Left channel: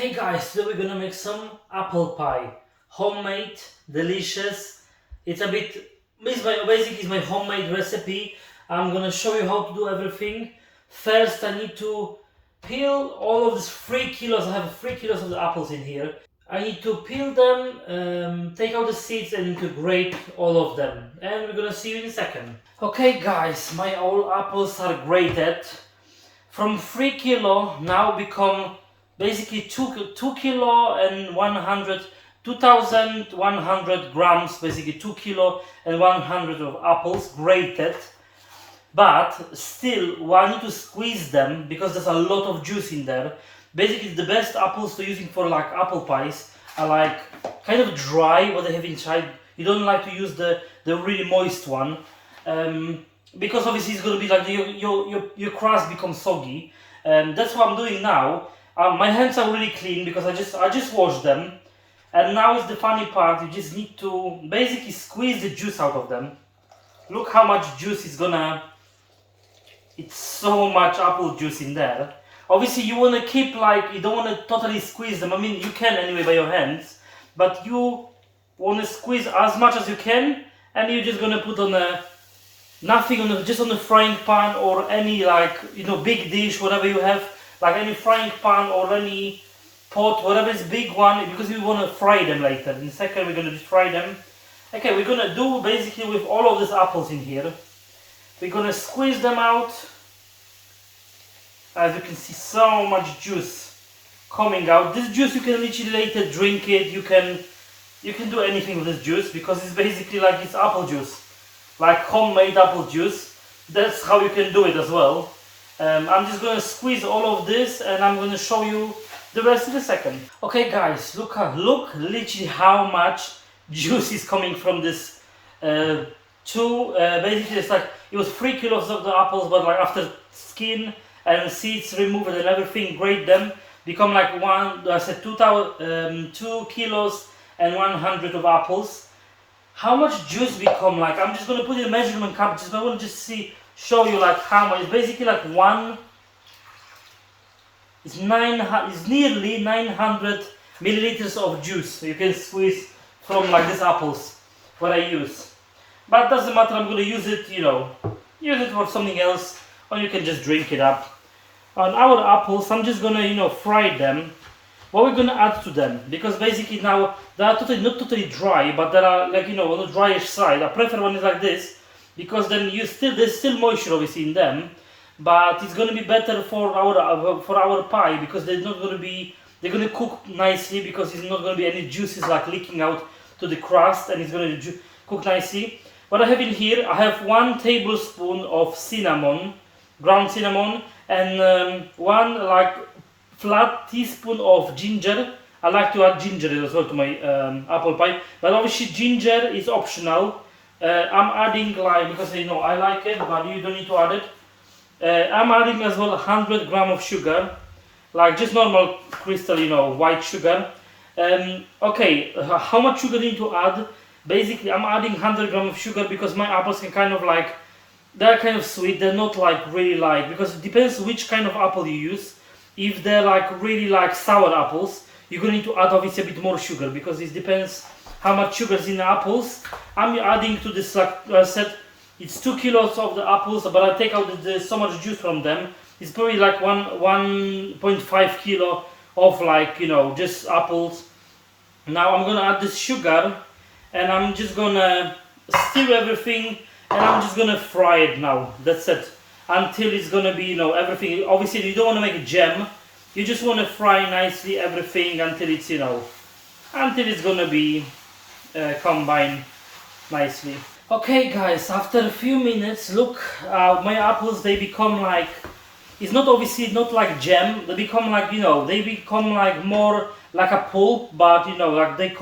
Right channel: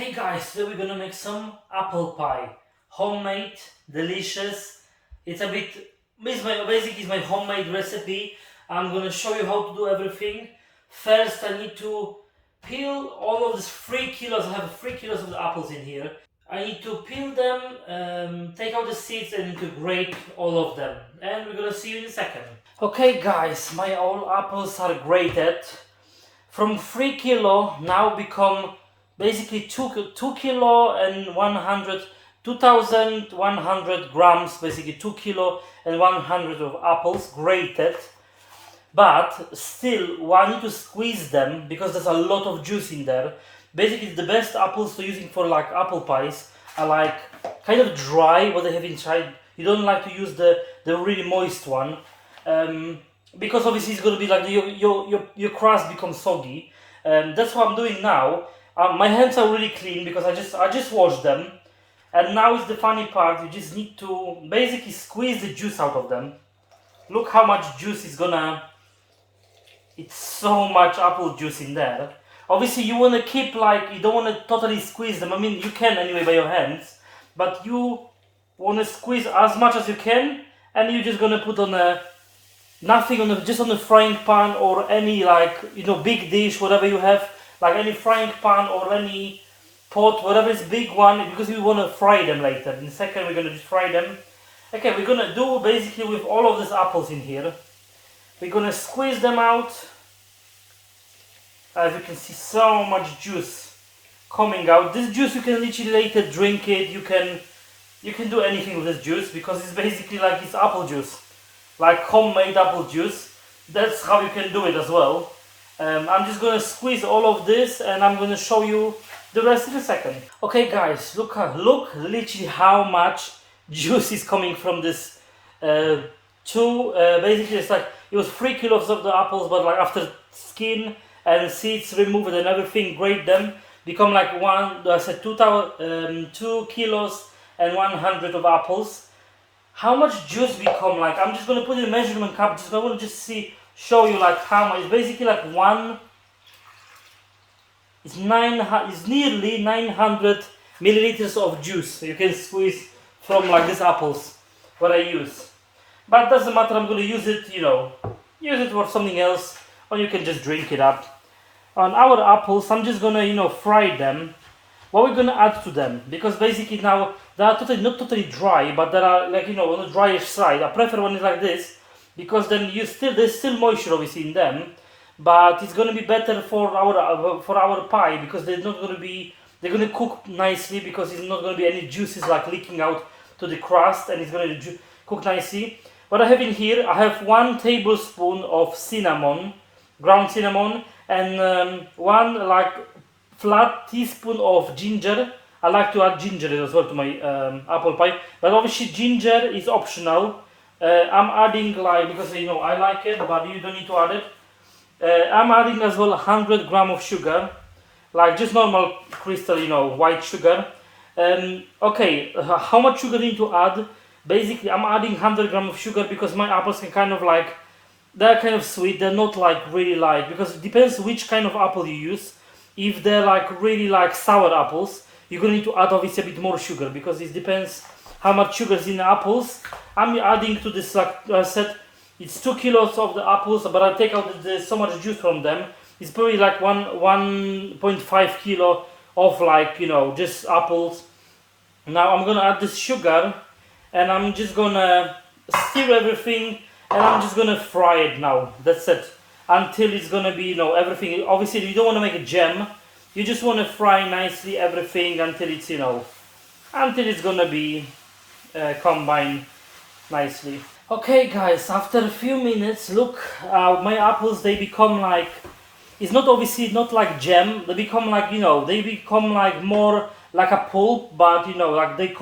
Hey guys, today we're gonna make some apple pie. Homemade, delicious. It's a bit, basically it's my homemade recipe. I'm gonna show you how to do everything. First I need to peel all of these 3 kilos. I have 3 kilos of the apples in here. I need to peel them, take out the seeds and to grate all of them. And we're gonna see you in a second. Okay guys, my all apples are grated. From 3 kilo now become basically 2 kilo and 100 2100 grams, basically 2 kilo and 100 of apples grated. But still I need to squeeze them because there's a lot of juice in there. Basically the best apples to using for like apple pies are like kind of dry, what I haven't tried. You don't like to use the really moist one. Because obviously it's going to be like your crust becomes soggy. That's what I'm doing now. My hands are really clean because I just washed them, and now is the funny part. You just need to basically squeeze the juice out of them. Look how much juice is gonna. It's so much apple juice in there. Obviously you want to keep like, you don't want to totally squeeze them. I mean you can anyway by your hands, but you want to squeeze as much as you can, and you're just gonna put on a nothing on just on the frying pan or any like big dish, whatever you have, like any frying pan or any pot, whatever is big one, because we want to fry them later. In a second we're gonna just fry them. Okay, we're gonna do basically with all of these apples in here. We're gonna squeeze them out. As you can see, so much juice coming out. This juice you can literally later drink it. You can do anything with this juice because it's basically like it's apple juice. Like homemade apple juice. That's how you can do it as well. I'm just gonna squeeze all of this and I'm gonna show you the rest in a second. Okay guys, look literally how much juice is coming from this basically it's like it was 3 kilos of the apples, but like after skin and seeds removed and everything, grate them, become like 2 kilos and 100 of apples. How much juice become like? I'm just gonna put in a measurement cup. I want to just show you like how much. It's basically like it's nearly 900 milliliters of juice you can squeeze from like these apples. What I use, but doesn't matter. I'm gonna use it. Use it for something else, or you can just drink it up. On our apples, I'm just gonna fry them. What we're gonna add to them, because basically now they are not totally dry, but they are like on the dryish side. I prefer when it's like this because then there's still moisture obviously in them, but it's gonna be better for our pie because they're gonna cook nicely because it's not gonna be any juices like leaking out to the crust, and it's gonna cook nicely. What I have in here, I have 1 tablespoon of cinnamon, ground cinnamon, and 1 like flat teaspoon of ginger. I like to add ginger as well to my apple pie, but obviously ginger is optional. I'm adding because I like it, but you don't need to add it. I'm adding as well 100 gram of sugar, like just normal crystal, white sugar. Okay, how much sugar do you need to add? Basically, I'm adding 100 gram of sugar because my apples can kind of like, they're kind of sweet. They're not like really light, because it depends which kind of apple you use. If they're like really like sour apples, you're going to need to add obviously a bit more sugar because it depends how much sugar is in the apples. I'm adding to this set, it's 2 kilos of the apples, but I take out so much juice from them. It's probably like 1.5 kilo of like just apples. Now I'm gonna add this sugar, and I'm just gonna stir everything, and I'm just gonna fry it now. That's it. Until it's gonna be everything. Obviously you don't want to make a jam. You just want to fry nicely everything until it's until it's gonna be combined nicely. Okay guys, after a few minutes, look, my apples, they become like, it's not obviously not like jam. They become like they become like more like a pulp, but like they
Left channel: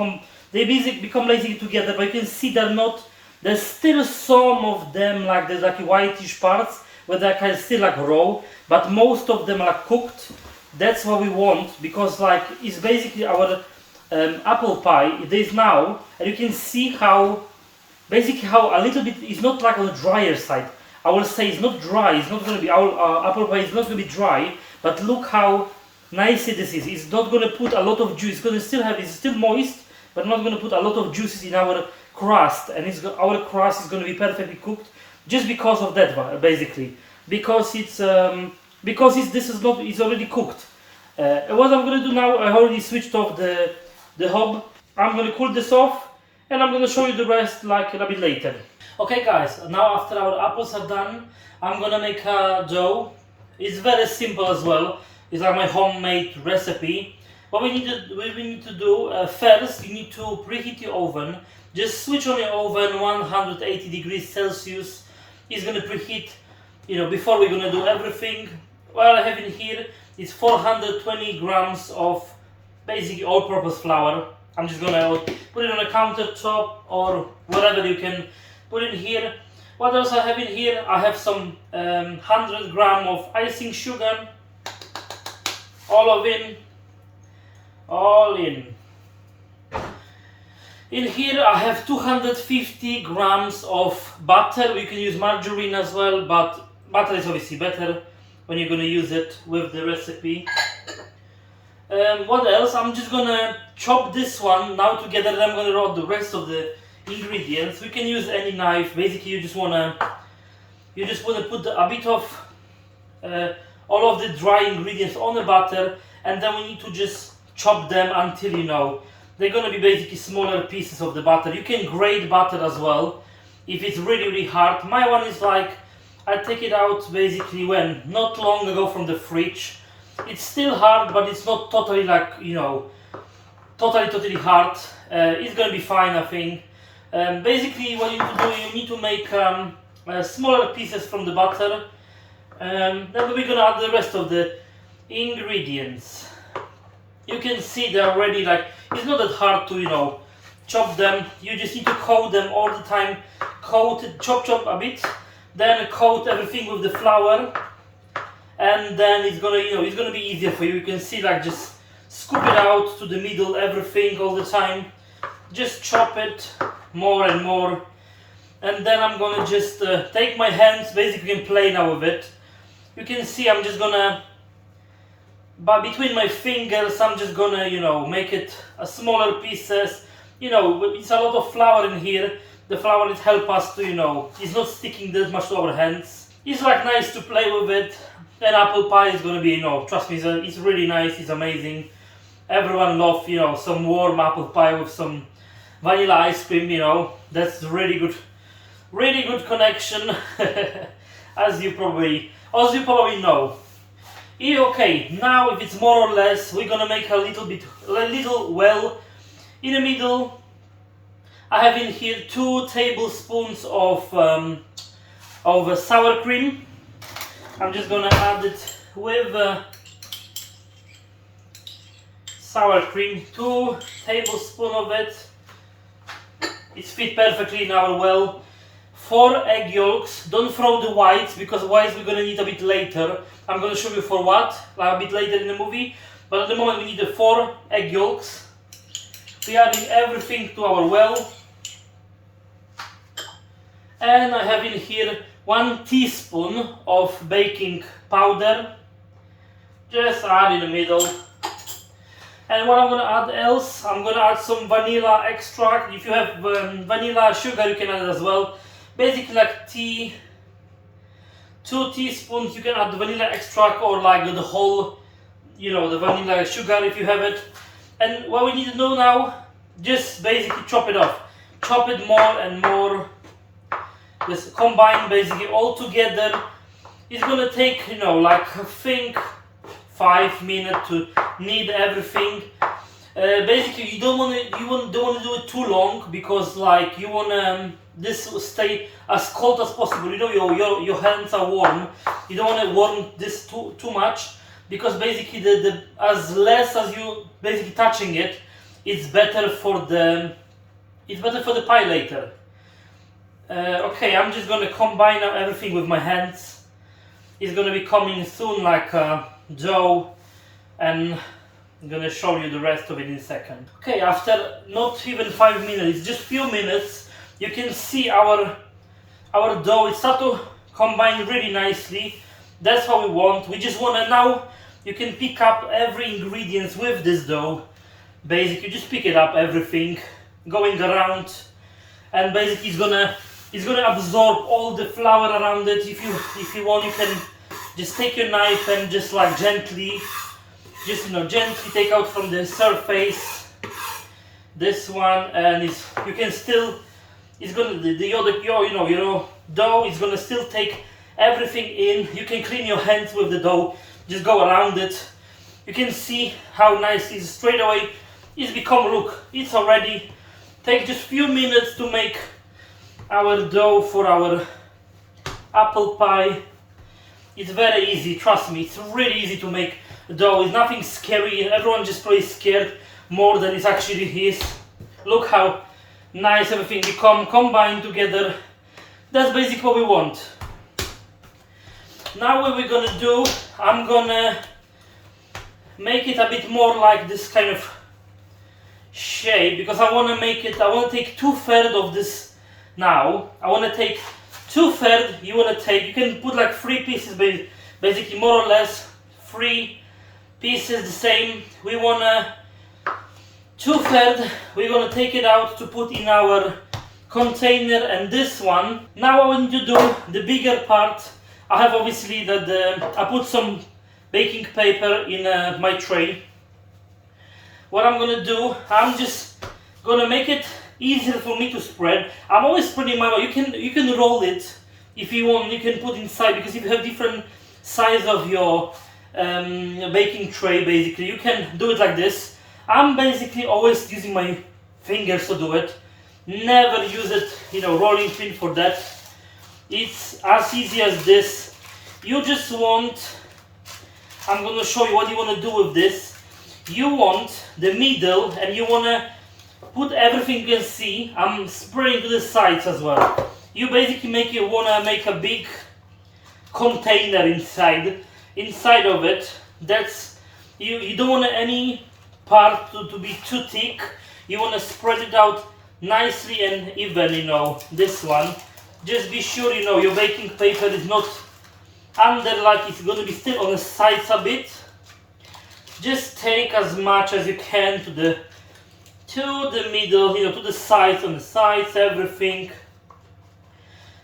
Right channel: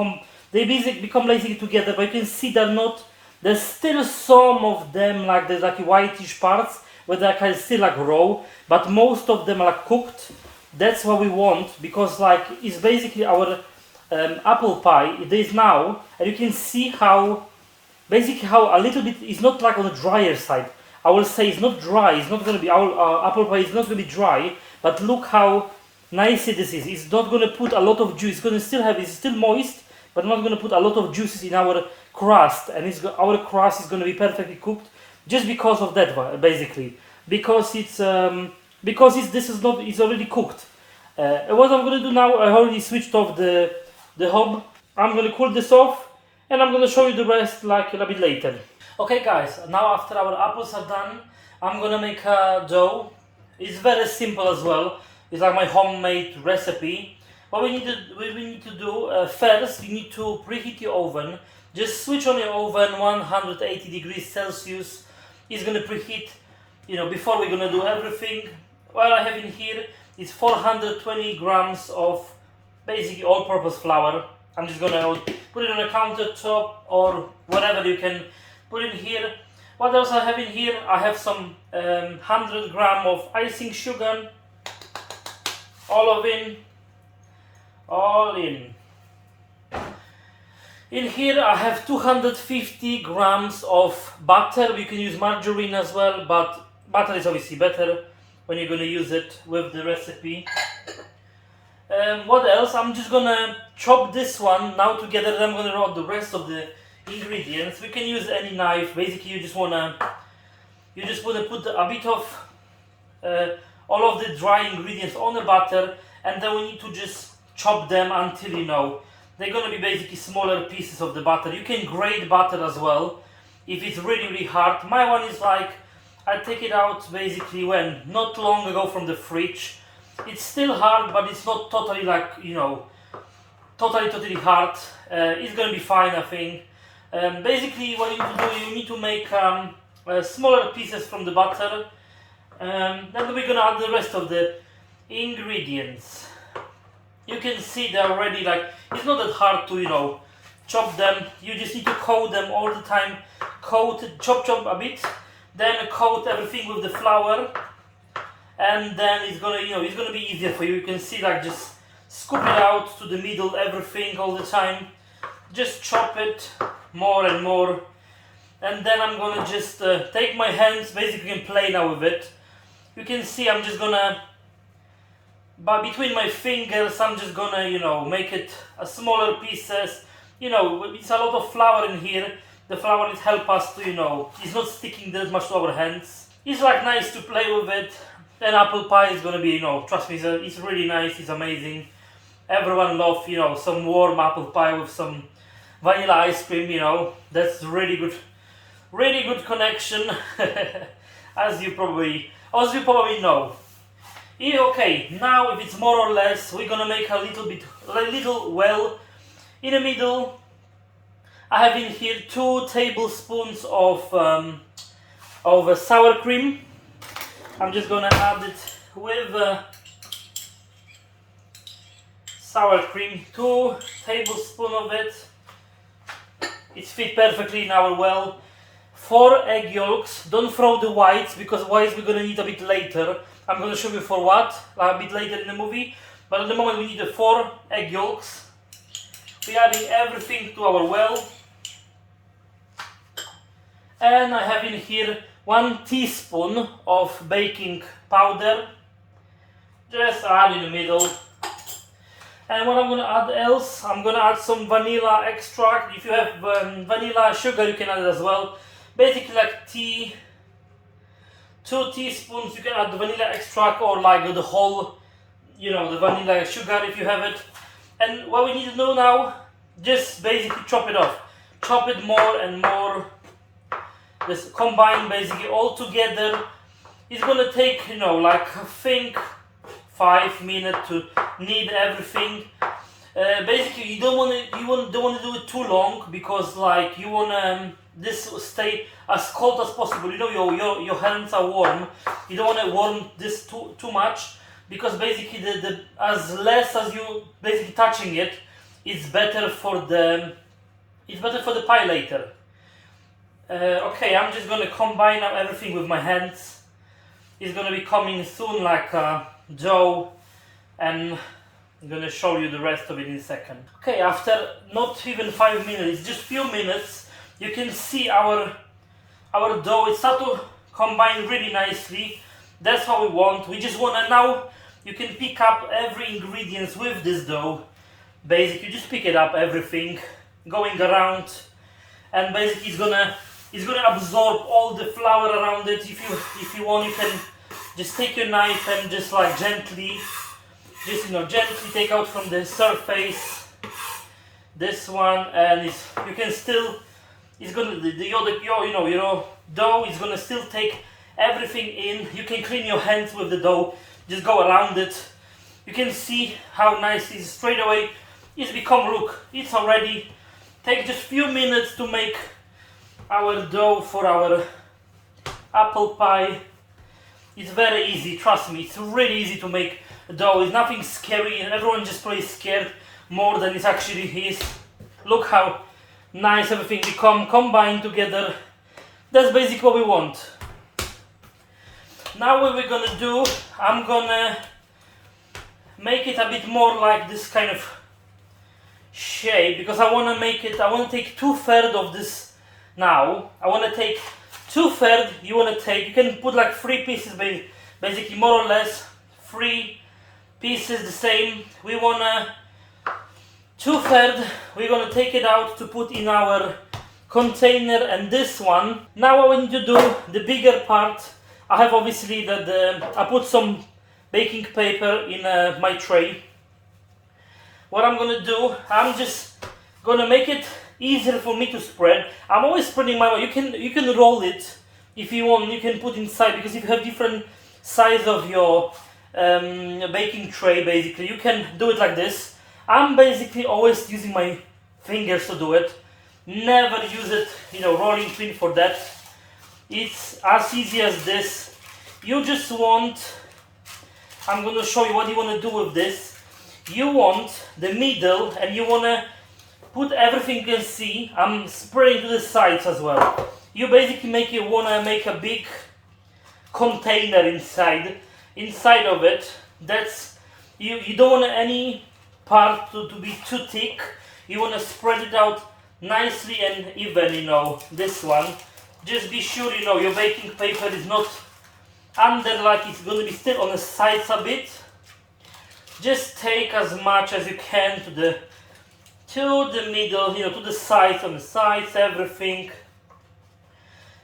basically become lazy together. But you can see there's still some of them like there's like whitish parts where they're kind of still like raw, but most of them are like cooked. That's what we want, because like it's basically our apple pie. It is now, and you can see how basically how a little bit, it's not like on the drier side. I will say it's not dry. It's not going to be our apple pie is not going to be dry, but look how nicely this is. It's not gonna put a lot of juice. It's gonna still have, it's still moist, but not gonna put a lot of juices in our crust, and our crust is gonna be perfectly cooked just because of that, basically, because it's this is not, it's already cooked. What I'm gonna do now, I already switched off the hob. I'm gonna cool this off, and I'm gonna show you the rest like a bit later. Okay, guys. Now after our apples are done, I'm gonna make a dough. It's very simple as well. It's like my homemade recipe. What we need to do first, you need to preheat your oven. Just switch on your oven 180 degrees Celsius. It's gonna preheat, before we're gonna do everything. What I have in here is 420 grams of basically all-purpose flour. I'm just gonna put it on a countertop or whatever you can put in here. What else I have in here? I have some 100 gram of icing sugar. All in. In here I have 250 grams of butter. We can use margarine as well, but butter is obviously better when you're gonna use it with the recipe. What else? I'm just gonna chop this one now together, then I'm gonna add the rest of the ingredients. We can use any knife. Basically, you just wanna put a bit of all of the dry ingredients on the butter, and then we need to just chop them until they're gonna be basically smaller pieces of the butter. You can grate butter as well if it's really hard. My one is like, I take it out basically when not long ago from the fridge. It's still hard, but it's not totally like totally hard. It's gonna be fine, I think. Basically, what you need to do, you need to make smaller pieces from the butter. Then we're gonna add the rest of the ingredients. You can see they're already it's not that hard to chop them. You just need to coat them all the time. Chop a bit, then coat everything with the flour, and then it's gonna be easier for you. You can see just scoop it out to the middle, everything all the time. Just chop it more and more, and then I'm gonna just take my hands basically and play now with it. You can see I'm just gonna, but between my fingers, I'm just gonna make it a smaller pieces. It's a lot of flour in here. The flour will help us to it's not sticking that much to our hands. It's nice to play with it. And apple pie is gonna be trust me, it's really nice. It's amazing. Everyone loves some warm apple pie with some vanilla ice cream. That's really good connection. as you probably know. Okay, now if it's more or less, we're gonna make a little well in the middle. I have in here 2 tablespoons of sour cream. I'm just gonna add it with sour cream, 2 tablespoons of it. It's fit perfectly in our well. 4 egg yolks. Don't throw the whites, because whites we're gonna need a bit later. I'm gonna show you for what a bit later in the movie. But at the moment we need the 4 egg yolks. We're adding everything to our well. And I have in here 1 teaspoon of baking powder. Just add in the middle. And what I'm gonna add else, I'm gonna add some vanilla extract. If you have vanilla sugar, you can add it as well. Basically 2 teaspoons, you can add the vanilla extract, or the whole, the vanilla sugar if you have it. And what we need to do now, just basically chop it off. Chop it more and more. Just combine basically all together. It's gonna take, I think 5 minutes to knead everything. Basically, you don't want to do it too long, because you want this to stay as cold as possible. Your hands are warm. You don't want to warm this too much, because basically the as less as you basically touching it, it's better for the pie later. Okay, I'm just gonna combine now everything with my hands. It's gonna be coming soon like dough, and I'm gonna show you the rest of it in a second. Okay, after not even 5 minutes, just few minutes, you can see our dough. It starts to combine really nicely. That's what we want. We just wanna now you can pick up every ingredients with this dough. Basically, just pick it up, everything, going around, and basically it's gonna absorb all the flour around it. If you want, you can just take your knife and just like gently, gently take out from the surface this one, and you can still, it's gonna your dough is gonna still take everything in. You can clean your hands with the dough, just go around it. You can see how nice it is straight away. It's become, look, it's already take just few minutes to make our dough for our apple pie. It's very easy, trust me, it's really easy to make dough. It's nothing scary, and everyone just probably scared more than it actually is. Look how nice everything become combined together. That's basically what we want. Now what we're gonna do, I'm gonna make it a bit more like this kind of shape, because I want to take 2/3 of this now. I want to take 2/3, you can put like 3 pieces, basically more or less 3 pieces the same. We want to 2/3, we're going to take it out to put in our container, and this one, now what we need to do, the bigger part, I have obviously I put some baking paper in my tray. What I'm gonna do, I'm just gonna make it easier for me to spread. I'm always spreading my way. You can roll it if you want. You can put inside, because if you have different size of your baking tray, basically you can do it like this. I'm basically always using my fingers to do it. Never use it, rolling pin for that. It's as easy as this. You just want, I'm gonna show you what you want to do with this. You want the middle, and you want to put everything you can see. I'm spreading to the sides as well. You basically want to make a big container inside of it. That's you don't want any part to be too thick. You want to spread it out nicely and even, this one. Just be sure, your baking paper is not under, like it's going to be still on the sides a bit. Just take as much as you can to the middle, to the sides, on the sides, everything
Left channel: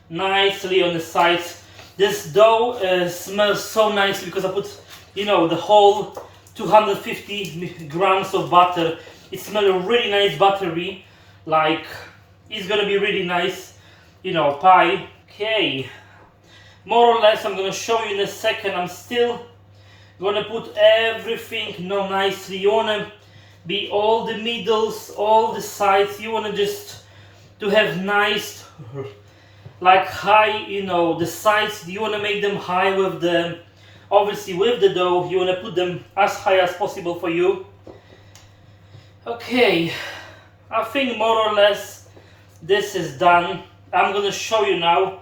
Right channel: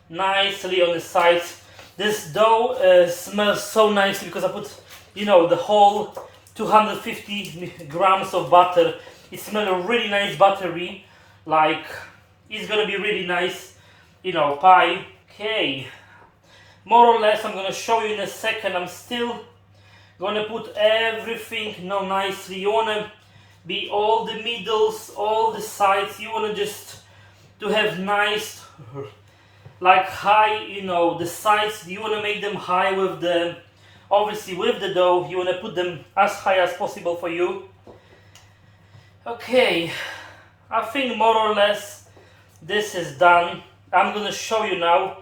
nicely on the sides. This dough smells so nicely because I put, the whole 250 grams of butter. It smells really nice, buttery, like it's gonna be really nice, pie. Okay, more or less I'm gonna show you in a second. I'm still gonna put everything nicely. You wanna be all the middles, all the sides. You wanna just to have nice, like high, the sides. You wanna make them high with the, obviously with the dough. You wanna put them as high as possible for you. Okay, I think more or less this is done. I'm gonna show you now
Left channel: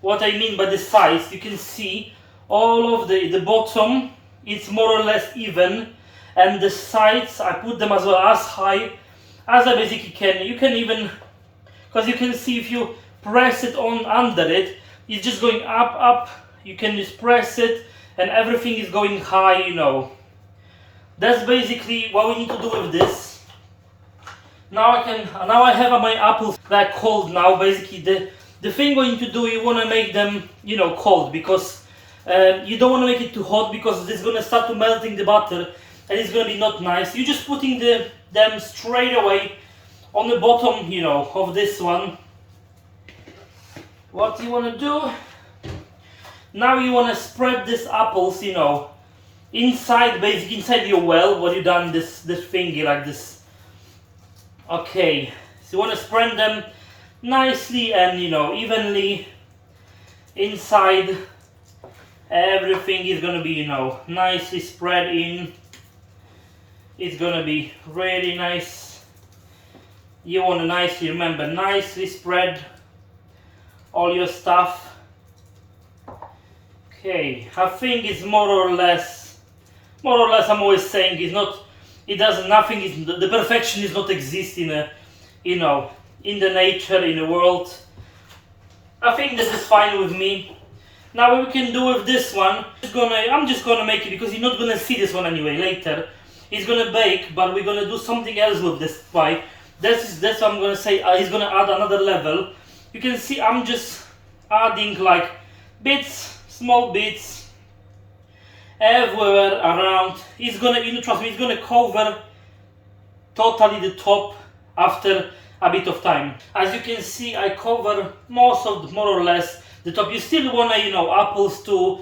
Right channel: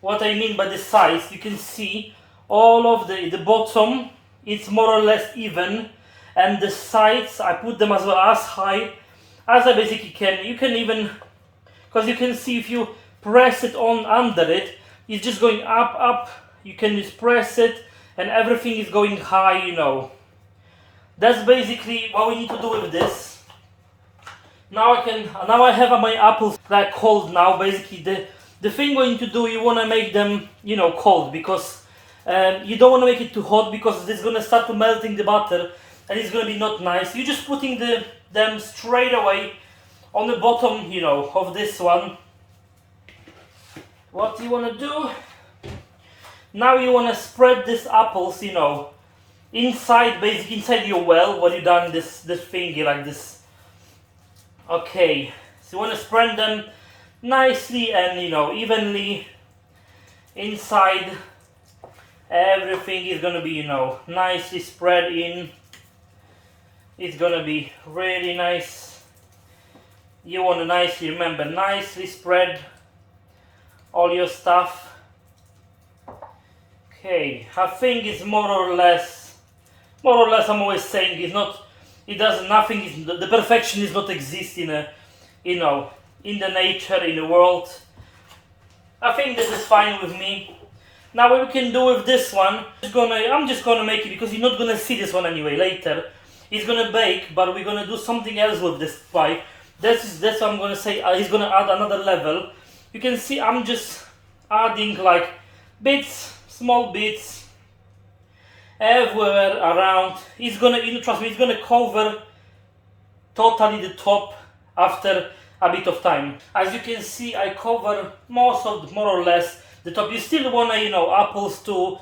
what I mean by the sides. You can see all of the bottom, it's more or less even, and the sides I put them as well as high as I basically can. You can even, because you can see if you press it on under it, it's just going up. You can just press it and everything is going high, That's basically what we need to do with this. Now I have my apples like cold now. Basically the thing we need to do, you want to make them, cold, because you don't want to make it too hot, because it's going to start to melting the butter and it's going to be not nice. You're just putting them straight away on the bottom, of this one. What you want to do, now you want to spread these apples, inside, basically inside your well, what you done this thingy like this. Okay, so you want to spread them nicely and, evenly inside. Everything is gonna be, nicely spread in. It's gonna be really nice. You want to nicely spread all your stuff. Okay, I think it's more or less I'm always saying the perfection is not exist in in the nature, in the world. I think this is fine with me. Now what we can do with this one, I'm just gonna make it because you're not gonna see this one anyway later. It's gonna bake, but we're gonna do something else with this pie. That's what I'm gonna say. He's gonna add another level. You can see I'm just adding like bits, small bits, everywhere around. It's gonna, trust me, it's gonna cover totally the top after a bit of time. As you can see, I cover more or less the top. You still wanna, apples to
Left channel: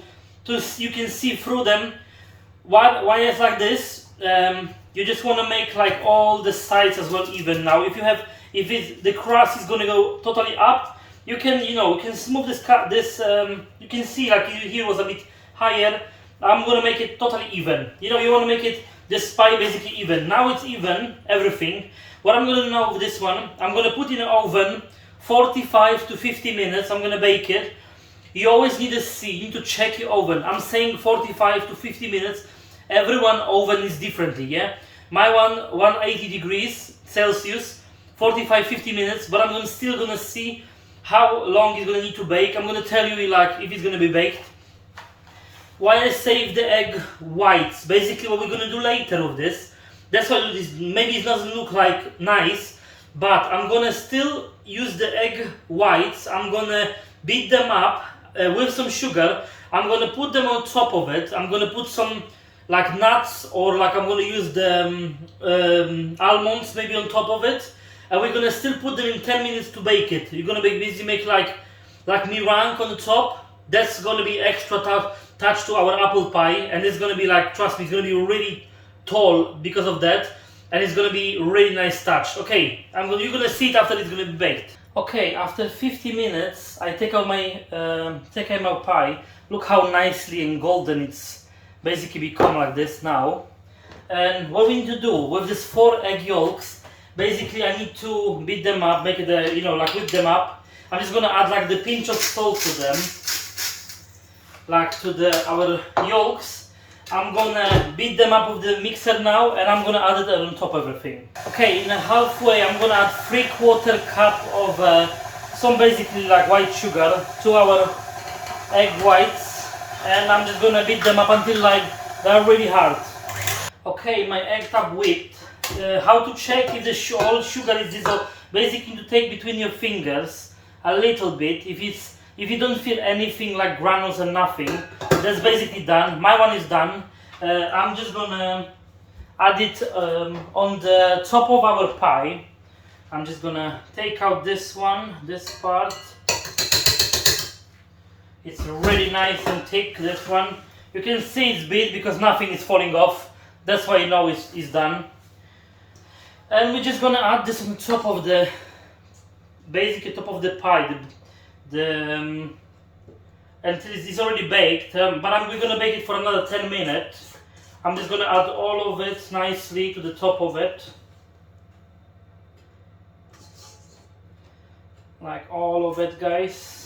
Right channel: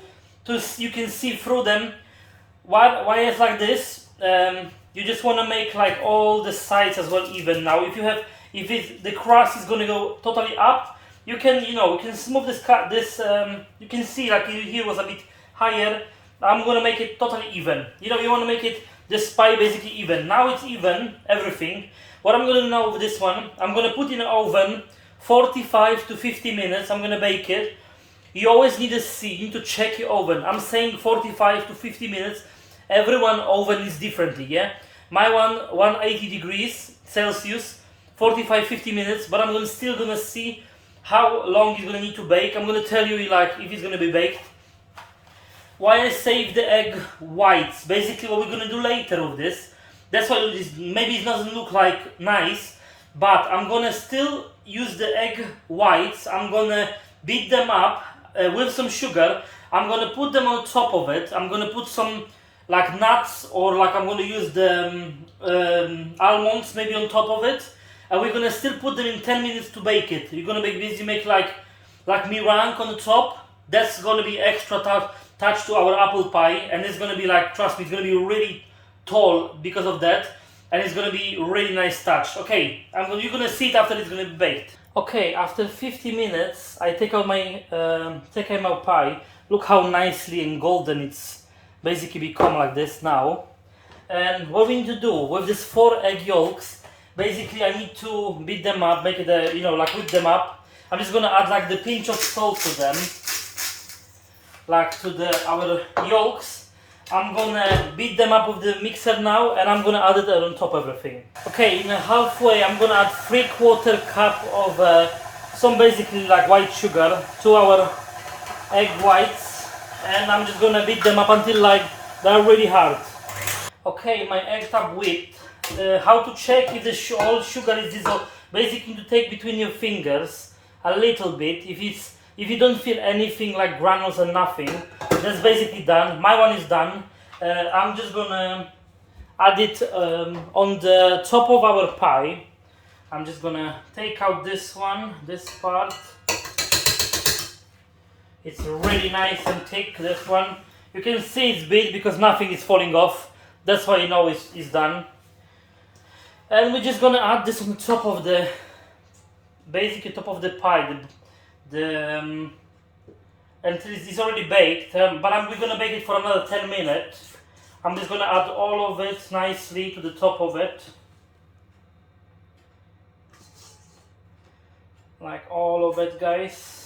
you can see through them. Why it's like this? You just wanna make like all the sides as well even. Now, if the crust is gonna go totally up, you can smooth this. You can see like here was a bit higher. I'm gonna make it totally even. You wanna make it this pie basically even. Now it's even everything. What I'm gonna do now with this one, I'm gonna put in the oven 45 to 50 minutes. I'm gonna bake it. You always need to check your oven. I'm saying 45 to 50 minutes. Everyone oven is differently, yeah? My one, 180 degrees Celsius, 45-50 minutes, but I'm still gonna see how long it's gonna need to bake. I'm gonna tell you like if it's gonna be baked. Why I save the egg whites, basically what we're gonna do later with this. That's why maybe it doesn't look like nice, but I'm gonna still use the egg whites. I'm gonna beat them up with some sugar. I'm gonna put them on top of it. I'm gonna put some like nuts, or like I'm gonna use the almonds maybe on top of it, and we're gonna still put them in 10 minutes to bake it. You're gonna make like meringue on the top. That's gonna be extra touch to our apple pie, and it's gonna be like, trust me, it's gonna be really tall because of that, and it's gonna be really nice touch. Okay, you're gonna see it after it's gonna be baked. Okay, after 50 minutes, I take out my pie. Look how nicely and golden it's basically become like this now. And what we need to do with this 4 egg yolks, basically I need to beat them up, make it like whip them up. I'm just gonna add like the pinch of salt to them, like to our yolks. I'm gonna beat them up with the mixer now, and I'm gonna add it on top of everything. Okay, in halfway I'm gonna add 3/4 cup of some basically like white sugar to our egg whites. And I'm just gonna beat them up until like they're really hard. Okay, my eggs are whipped. How to check if the all sugar is dissolved? Basically, to take between your fingers a little bit. If you don't feel anything like granules or nothing, that's basically done. My one is done. I'm just gonna add it on the top of our pie. I'm just gonna take out this part. It's really nice and thick, this one. You can see it's big because nothing is falling off. That's why you know it's done. And we're just gonna add this on top of the, basically top of the pie. And it's already baked, but we're gonna bake it for another 10 minutes. I'm just gonna add all of it nicely to the top of it. Like all of it, guys.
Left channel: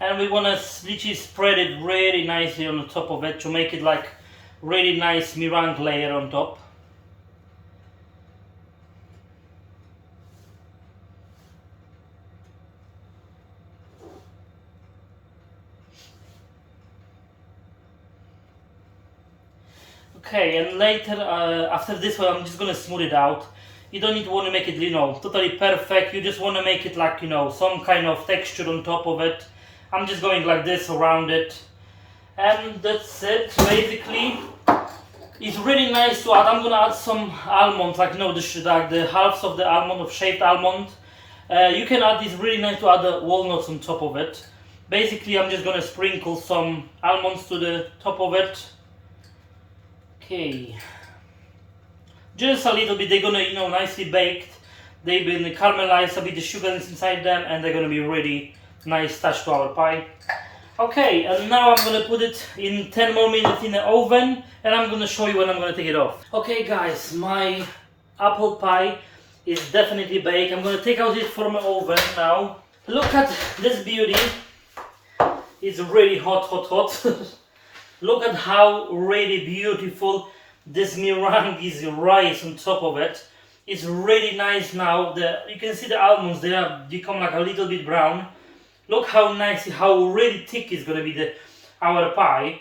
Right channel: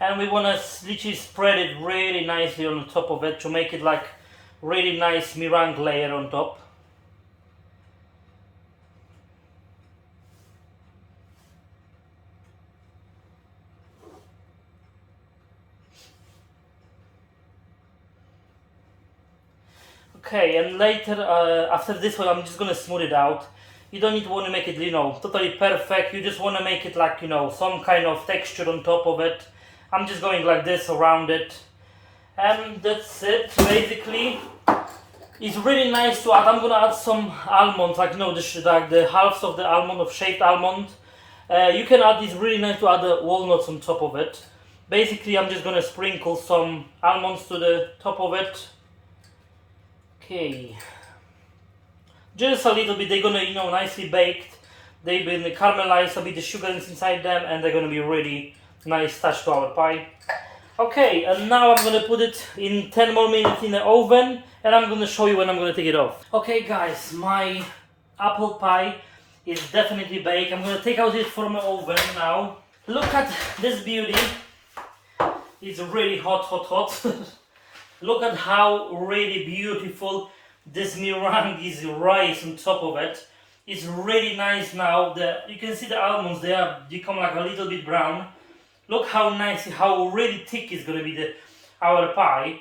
And we want to literally spread it really nicely on the top of it to make it like really nice meringue layer on top. Okay, and later after this one I'm just gonna smooth it out. You don't need to want to make it totally perfect. You just want to make it like some kind of texture on top of it. I'm just going like this around it, and that's it. Basically, it's really nice to add. I'm gonna add some almonds, like the halves of the almond, of shaved almond. You can add this. Really nice to add the walnuts on top of it. Basically, I'm just gonna sprinkle some almonds to the top of it. Okay, just a little bit. They're gonna nicely baked. They've been caramelized a bit. The sugar is inside them, and they're gonna be really nice touch to our pie. Okay, and now I'm gonna put it in 10 more minutes in the oven, and I'm gonna show you when I'm gonna take it off. Okay guys, my apple pie is definitely baked. I'm gonna take out it from the oven now. Look at this beauty. It's really hot. Look at how really beautiful this meringue is, rice on top of it. It's really nice now. You can see the almonds, they have become like a little bit brown. Look how nice, how really thick is gonna be our pie.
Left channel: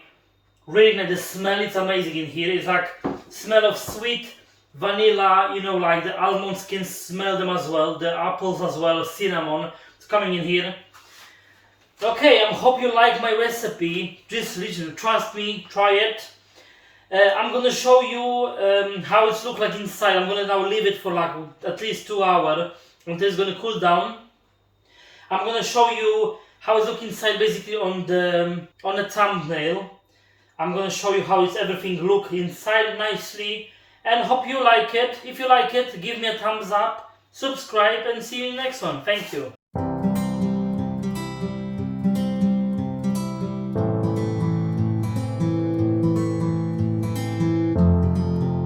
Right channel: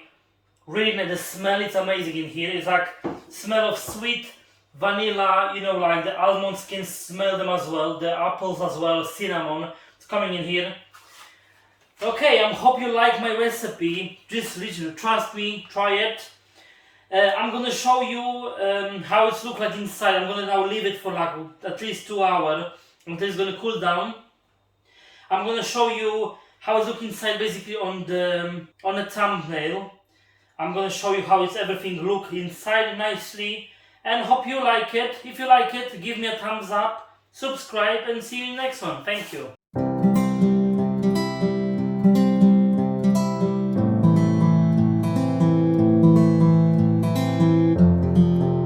Really nice. The smell is amazing in here. It's like smell of sweet vanilla, you know, like the almonds can smell them as well, the apples as well, cinnamon. It's coming in here. Okay, I hope you like my recipe. Just literally trust me, try it. I'm gonna show you how it looks like inside. I'm gonna now leave it for like at least 2 hours until it's gonna cool down. I'm gonna show you how it's looking inside basically on the thumbnail. I'm gonna show you how it's everything look inside nicely, and hope you like it. If you like it, give me a thumbs up, subscribe, and see you in the next one. Thank you.